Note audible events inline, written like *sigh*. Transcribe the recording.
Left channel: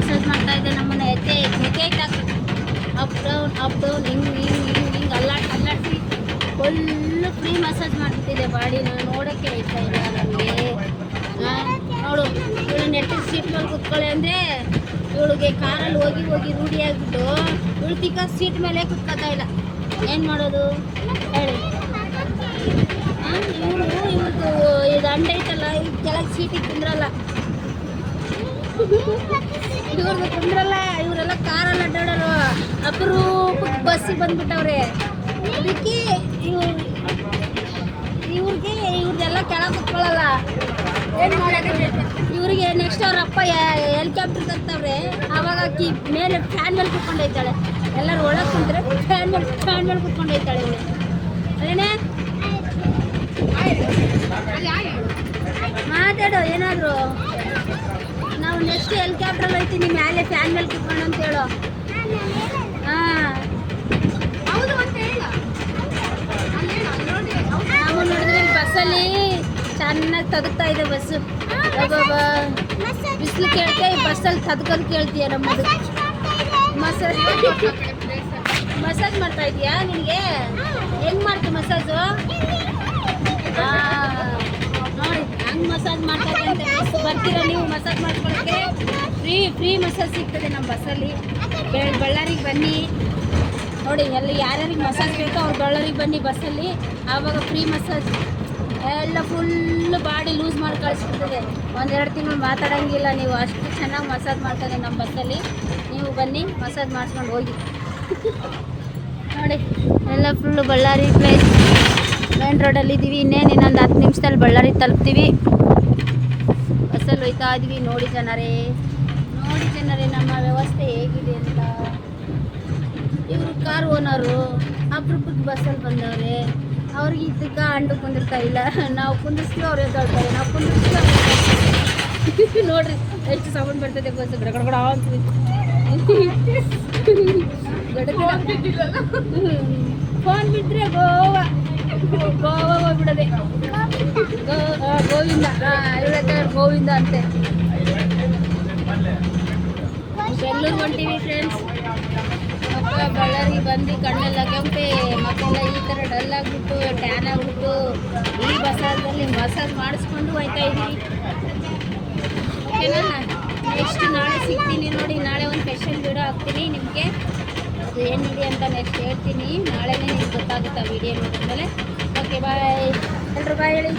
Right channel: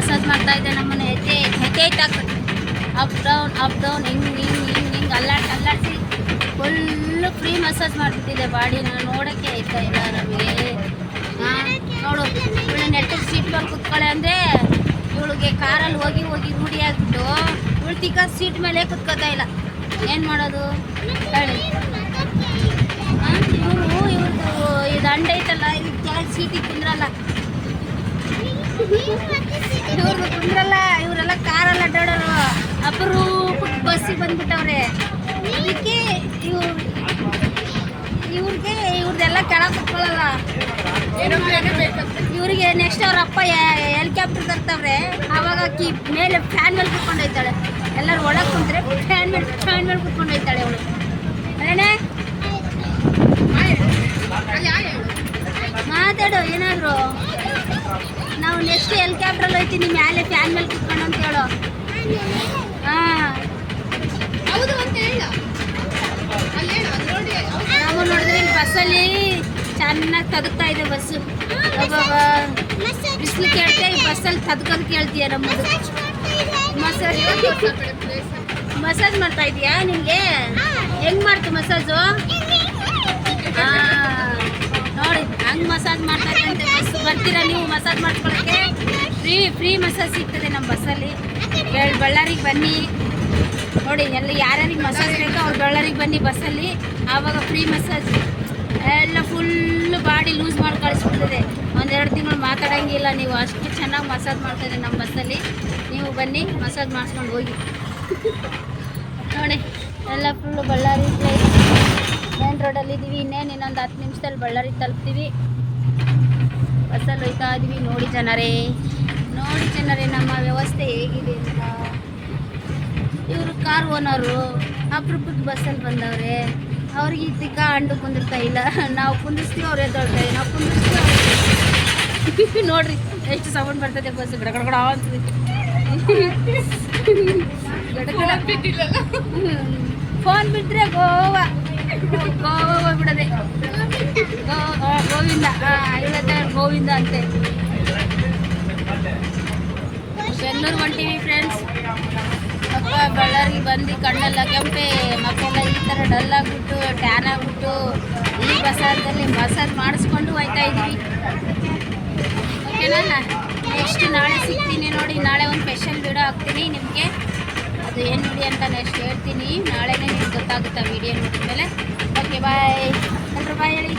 Massage ಮಾಡ್ತಾ ಇದ್ದೆ ನಮ್ಮನ್ನ ಹೆಜ್ಜೆ ಹೆಜ್ಜೆ ಅಪ್ ಡೌನ್ ಅಪ್ ಡೌನ್ ಹಿಂಗೆ ಹಿಂಗೆ ಹಿಂಗೆ ಹಿಂಗೆ ಅಲ್ಲಾಡ್ಸಿ ಅಲ್ಲಾಡಿಸಿ. ಫುಲ್ಲು ಫ್ರೀ ಮಸಾಜ್ ಮಾಡ್ತಿದ್ದೆ ಬಾಡಿನ ನೋಡಕ್ಕೆ ಆಯ್ತಾ ಇಲ್ಲ ನಮಗೆ. ನೋಡು. ಇವಳು ನೆಟ್ಟು ಸೀಟ್ ಮೇಲೆ ಕುತ್ಕೊಳ್ಳೆ ಅಂದರೆ ಇವಳಿಗೆ ಕಾರಲ್ಲಿ ಹೋಗಿ ಹೋಗಿ ರೂಢಿ ಆಗ್ಬಿಟ್ಟು ಇವಳು ತಿಕ್ಕ ಸೀಟ್ ಮೇಲೆ ಕುತ್ಕೋತಾ ಇಲ್ಲ. ಏನು ಮಾಡೋದು? ಹೇಳಿ. ಇವ್ರಿಗೂ ಇವ್ರಿಗೂ ಇದು ಅಂಡೈತಲ್ಲ ಇದು ಕೆಳಗೆ ಸೀಟಿಗೆ ಕುಂದ್ರಲ್ಲ ಇವ್ರಿಗೆ ಬಂದ್ರಲ್ಲ ಇವರೆಲ್ಲ ಕಾರಲ್ಲಿ ಅಡ್ಡಾಡೋರು ಅಪರೂಪಕ್ಕೆ ಬಸ್ಸಿಗೆ ಬಂದ್ಬಿಟ್ಟವ್ರೆ. ಅದಕ್ಕೆ ಇವ್ರು ಇವ್ರಿಗೆ ಇವ್ರದ್ದೆಲ್ಲ ಕೆಳಗೆ ಕುತ್ಕೊಳ್ಳಲ್ಲ ಇವರಿಗೆ ನೆಕ್ಸ್ಟ್ ಅವ್ರ ಅಪ್ಪ ಹೆಲಿಕಾಪ್ಟರ್ ತರ್ತಾವ್ರೆ. ಆವಾಗ ಆಕಿ ಮೇಲೆ ಫ್ಯಾನ್ ಮೇಲೆ ಕುತ್ಕೊಂಡೋಯ್ತಾಳೆ. ಎಲ್ಲರೂ ಒಳಗೆ ಕುಂತ್ರೆ ಫ್ಯಾನ್ ಮೇಲೆ ಫ್ಯಾನ್ ಮೇಲೆ ಕುತ್ಕೊಂಡೋಯ್ತಾಳೆ ಅವಳು. ಅದೇನೇ ನೆಕ್ಸ್ಟ್ ಐತಿ ಹೋಯ್ತೀನಿ ಮ್ಯಾಲೆ ಫ್ಯಾನ್ ಮೇಲೆ ಕುತ್ಕೊಂಡು ಅಂತ ಹೇಳು. ಹಾಂ. ಹೌದು ಅಂತ ಹೇಳ. ನಾವು ನೋಡಿದ್ರೆ ಬಸ್ಸಲ್ಲಿ ಚೆನ್ನಾಗಿ ತದುಕ್ತಾ ಇದೆ ಬಸ್ಸು. ಬಿಸಿಲು ಕೇಳ್ತೆ ಬಸ್ಸಲ್ಲಿ ತದ್ಕೊಂಡು ಕೇಳ್ತೀಯ ನಮ್ಮದು ಮಸಾಜ್ ಮಸಾಜ್ ಮಾಡ್ತಾ ಇದೀಯಾ ನಿಮಗೆ ಹೆಂಗ್ ಮಾಡ್ತು ಮಸಾಜು? ನೋಡಿ ಹಂಗೆ ಮಸಾಜ್ ಮಾಡ್ತಾ ಇದ್ದಂತೆ ಬರ್ತೀರಾ ನೀವು ಮಸಾಜ್ ಮಾಡ್ಕೊಳಕ್ಕೆ? ಫ್ರೀ ಫ್ರೀ ಮಸಾಜ್ ಸಿಗ್ತದೆ ನಮ್ಮ ಬಸ್ಸಲ್ಲಿ. ಬೆಳ್ ಬಳ್ಳಾರಿಗೆ ಬನ್ನಿ. ನೋಡಿ, ಎಲ್ಲ ಯಾರ್ಯಾರಿಗೆ ಮಸಾಜ್ ಬೇಕೋ ಅವ್ರು ಬಳ್ಳಾರಿಗೆ ಬನ್ನಿ ಬಸ್ಸಲ್ಲಿ. ಆವಾಗ ಫ್ರೀ ಮಸಾಜ್. ಎಲ್ಲ ಫುಲ್ ಬಾಡಿ ಲೂಸ್ ಮಾಡಿ ಕಳಿಸ್ಬಿಡ್ತದೆ. ಒಂದೆರಡು ತಿಂಗಳು ಮಾತಾಡೋಂಗಿಲ್ಲ ನೀವು. ಅಷ್ಟು ಚೆನ್ನಾಗಿ ಮಸಾಜ್ ಮಾಡ್ತಾರೆ ನಮ್ಮ ಬಸ್ಸಲ್ಲಿ. ನೀವು ಬನ್ನಿ, ಮಸಾಜ್ ಮಾಡಿಸ್ಕೊಂಡು ಹೋಗಿ. ನೋಡಿ, ಎಲ್ಲ ಫುಲ್ಲು ಬಳ್ಳಾರಿ ಪ್ಲೇಸ್ ಮೇನ್ ರೋಡಲ್ಲಿ ಇದ್ದೀವಿ ಇನ್ನೇನು ಇನ್ನೊಂದು ಹತ್ತು ನಿಮಿಷದಲ್ಲಿ ಬಳ್ಳಾರಿ ತಲುಪ್ತೀವಿ. ಬಸ್ಸಲ್ಲಿ ಹೋಯ್ತಾ ಇದ್ವಿ. ನೋಡಿ ಜನರೇ. ನೋಡಿ ಜನರೇ ನಮ್ಮ ವ್ಯವಸ್ಥೆ ಹೇಗಿದೆ ಅಂತ. ಇವರು ಕಾರ್ ಓನರು ಅಪ್ರೂಪದ ಬಸ್ಸಲ್ಲಿ ಬಂದವ್ರೆ. ಅವ್ರಿಗೆ ಇದಕ್ಕ ಅಂಡು ಕುಂದಿರ್ತಾ ಇಲ್ಲ. ನಾವು ಕುಂದಿಸ್ತೀವಿ ಅವ್ರು ಎದ್ದೊಳ್ತಾರೆ ನಾವು ಕುಂದಿಸ್ತೀವಿ. *laughs* ನೋಡ್ರಿ, ಎಷ್ಟು ಸೌಂಡ್ ಬರ್ತದೆ ಬಸ್ ಗಡಗಡ ಫೋನ್ ಬಿಟ್ಟರೆ ಗೋವಾ. ಗೋವಾ ಹೋಗ್ಬಿಡದೆ. ಗೋವಿಂದ. ಹಾಂ ಗೋವಿಂದ ಅಂತೆ. ಬೆಂಗಳೂರು ಹೊಂಟೀವಿ ಫ್ರೆಂಡ್ಸ್ ಅಪ್ಪ ಬಳ್ಳಾರಿಗೆ ಬಂದು ಕಣ್ಣೆಲ್ಲ ಕೆಂಪೆ ಮಕ್ಕಳೆಲ್ಲ ಈ ಥರ ಡಲ್ ಆಗಿಬಿಟ್ಟು ಟ್ಯಾನ್ ಆಗಿಬಿಟ್ಟು, ಈ ಮಸಾಜಲ್ಲಿ ಮಸಾಜ್ ಮಾಡಿಸ್ಕೊಂಡು ಹೋಯ್ತಾ ಇದ್ದೀವಿ ಓಕೆನಾ? ನೆಕ್ಸ್ಟ್ ನಾಳೆ ಸಿಗ್ತೀನಿ ನೋಡಿ, ನಾಳೆ ಒಂದು ಸ್ಪೆಷಲ್ ವೀಡಿಯೋ ಹಾಕ್ತೀನಿ ನಿಮಗೆ. ಅದು ಏನು ವಿಡಿಯೋ ಅಂತ ನೆಕ್ಸ್ಟ್ ಹೇಳ್ತೀನಿ. ನಾಳೆನೇ ನಿಮ್ಗೆ ಗೊತ್ತಾಗುತ್ತೆ ನೋಡಿದ ಮೇಲೆ ಓಕೆ ಬಾಯ್ ಎಲ್ಲರೂ ಬಾಯ್ ಹೇಳಿ.